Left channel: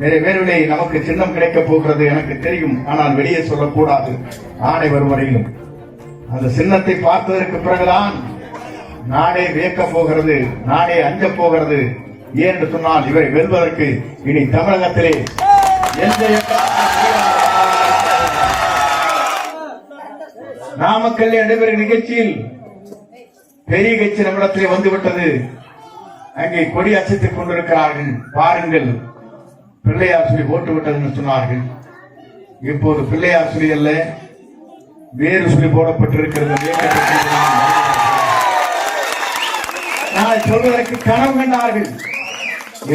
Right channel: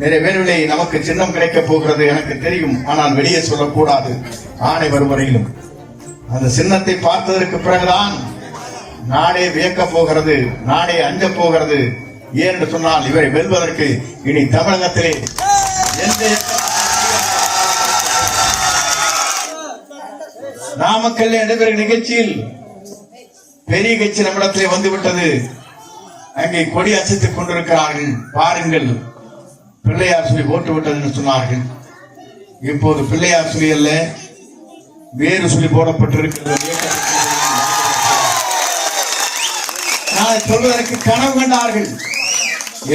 நிறைவேறிலே நமக்கு சின்னம் கிடைக்கப் போகிறது எனக்கு தெரியும். ஆனால் வெளியே சொல்லக்கூடாது. ஆணை வரும் வரையிலும் அந்த சின்னத்தை பார்த்ததற்கு பிறகுதான் நாடே வியக்கப் போகிறது நாடே அஞ்ச போகிறது. ஏன் என்று சொன்னால் இவரை வெல்வதற்கு இனி தமிழகத்திலே எந்த நாமக்கல்ல நடைபெறும் நிகழ்ச்சியில் பெரிய கட்சி நம்மிடத்திலே வந்துவிட்டது. அங்கே கொடி அசைத்துக் கொண்டிருக்கிறார்கள். பாருங்கள். பிள்ளையார் சொல்லி போட்டு விட்டதுன்னு சொன்னார்கள். இப்போது பிள்ளையார் சொல்லி அல்ல வேறு சொல்லி போடப்பட்டிருக்கிறது. நாளை சொல்வதற்கு கனவு கண்டார்கள்.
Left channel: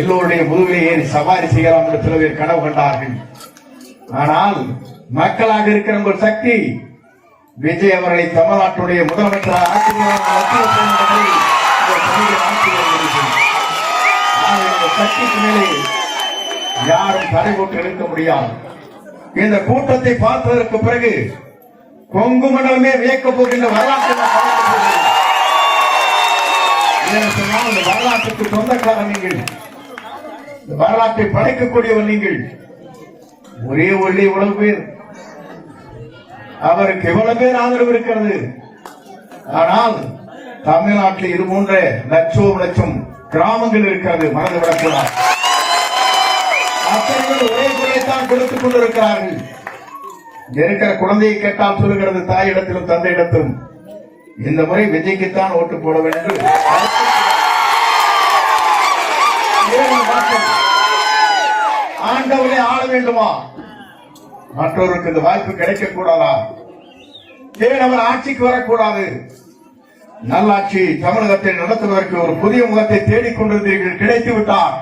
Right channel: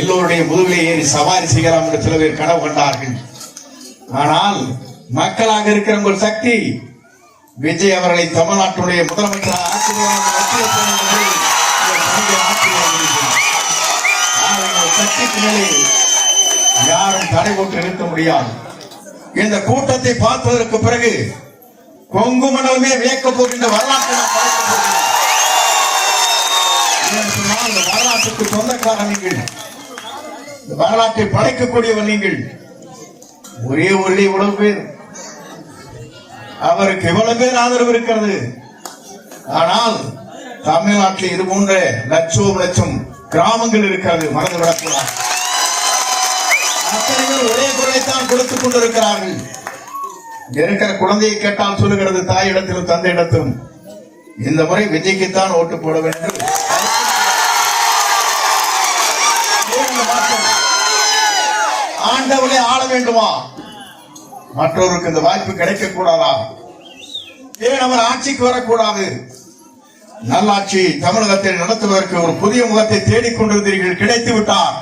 எல்லோருடைய முதுகை ஏறி சவாரி செய்யலாம் என்று சில பேர் கனவு கண்டார்கள். ஆனால் மக்களாக இருக்கிற உங்கள் சக்தி விஜய் அவர்களை தமிழ்நாட்டுடைய முதலமைச்சராக ஆக்குவதற்கு சக்திக்கு மேலே யாரும் தடை போட்டு நிறுத்த முடியாது. இந்த கூட்டத்தை பார்ப்பதற்கு பிறகு கொங்கு மண்டலமே வியக்க போகின்ற வரலாற்று இந்த வரலாற்றுக்கு சொந்தக்காரன் நீங்கள். வரலாற்றை படைக்கக்கூடியவர் நீங்கள். ஒரே ஒளி இவ்வளவு பேர். அவருக்கு இவ்வளவு பேர் ஆதரவு இருக்கிறது? ஆனால் தமிழ்நாட்டில் இது போன்ற லட்சம் லட்சம் கிராமங்கள் இருக்கிறது. மறந்து விடக்கூடாது. அத்தனைகள் ஒரே குரலைத்தான் கொடுத்துக் கொண்டிருக்கிறார்கள். இருக்கிற குழந்தையை கேட்டால் சொல்லுகிறது தாயிடத்திலும் தந்தையிடத்திலும் இந்த முறை விஜய்க்குத்தான் ஓட்டு போட வேண்டும். ஆண்டவனை ஆள வேண்டுமா? மற்றவருக்கு இந்த வாய்ப்பு கிடைக்க கூடாதா ஏன் அவர் ஆட்சிக்கு வரக்கூடாது? நல்லாட்சி தமிழகத்தை நடத்துவதற்கு ஒரு புதிய முகத்தை தேடிக்கொண்டிருந்தீர்கள் கிடைத்து விட்டார்.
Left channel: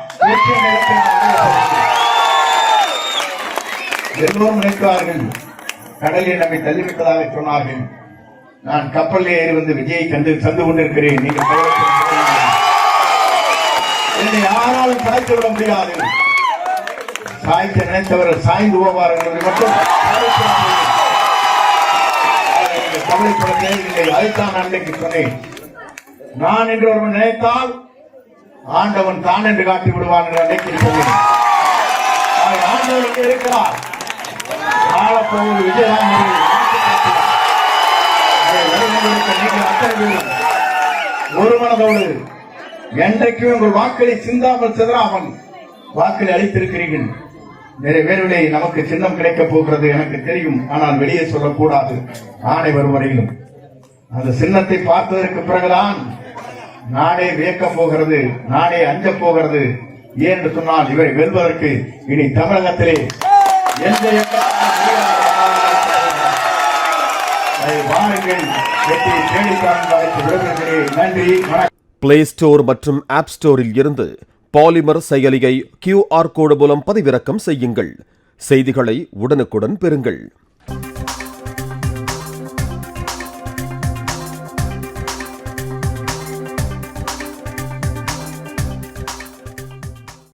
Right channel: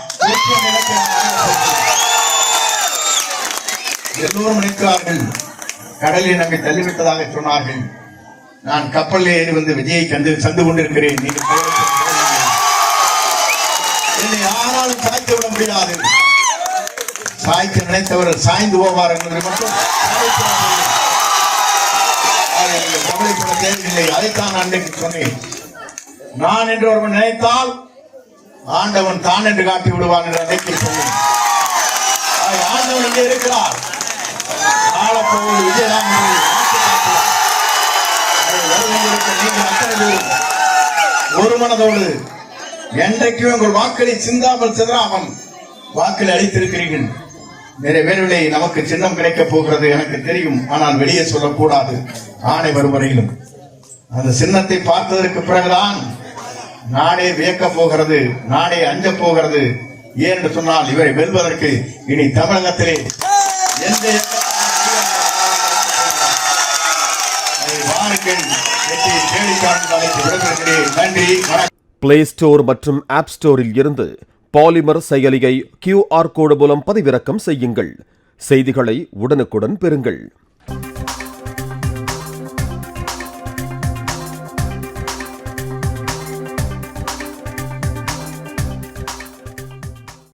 எல்லோரும் நினைத்தார்கள் கடலில் நம்மை தள்ளிவிட்டதாக சொன்னார்கள். நான் கப்பலில் ஏறி வந்து விஜயை கண்டு சந்து கொண்டிருக்கிறேன். நீங்கள் என்னை யாராலும் சாய்த்து விட முடியாது. சாய்த்து நினைத்தவர் சாய்ந்து போவார் என்பதை மட்டும் கவலைப்பட தேவையில்லை. அதைத்தான் நான் சொன்னேன். நான் என்று ஒருவன் நினைத்தால் ஆண்டவன் தான் என்று காட்டி விடுவான் என்று அன்றைக்கு சொன்னேன் ஆண்டவன் இங்கே இருக்கிறார். ஆளப்போவது விஜயதான் ஒரு மனதோடு என்றைக்கும் உங்கள் வாக்களை சிந்தாமல் அவன் வாக்களை அளித்திருக்கிறீர்கள். நிறைவேறலை நமக்கு சின்னம் கிடைக்கப் போகிறது எனக்கு தெரியும். ஆனால் வெளியே சொல்லக்கூடாது. ஆணை வரும் வரையிலும். அந்த சின்னத்தை பார்த்ததற்கு பிறகுதான் நாடே வியக்கப் போகிறது நாடே அஞ்ச போகிறது. ஏன் என்று சொன்னால் இவரை வெல்வதற்கு இனி தமிழகத்திலே எந்த பிளே ஸ்டோர் மற்றும் ஆப் ஸ்டோரில் இருந்து பாலிமர் செயலியை கியூஆர் கோடு மூலம் பதிவிறக்கம் செய்யுங்கள். செய்திகளை உடனுக்குடன் பெறுங்கள்.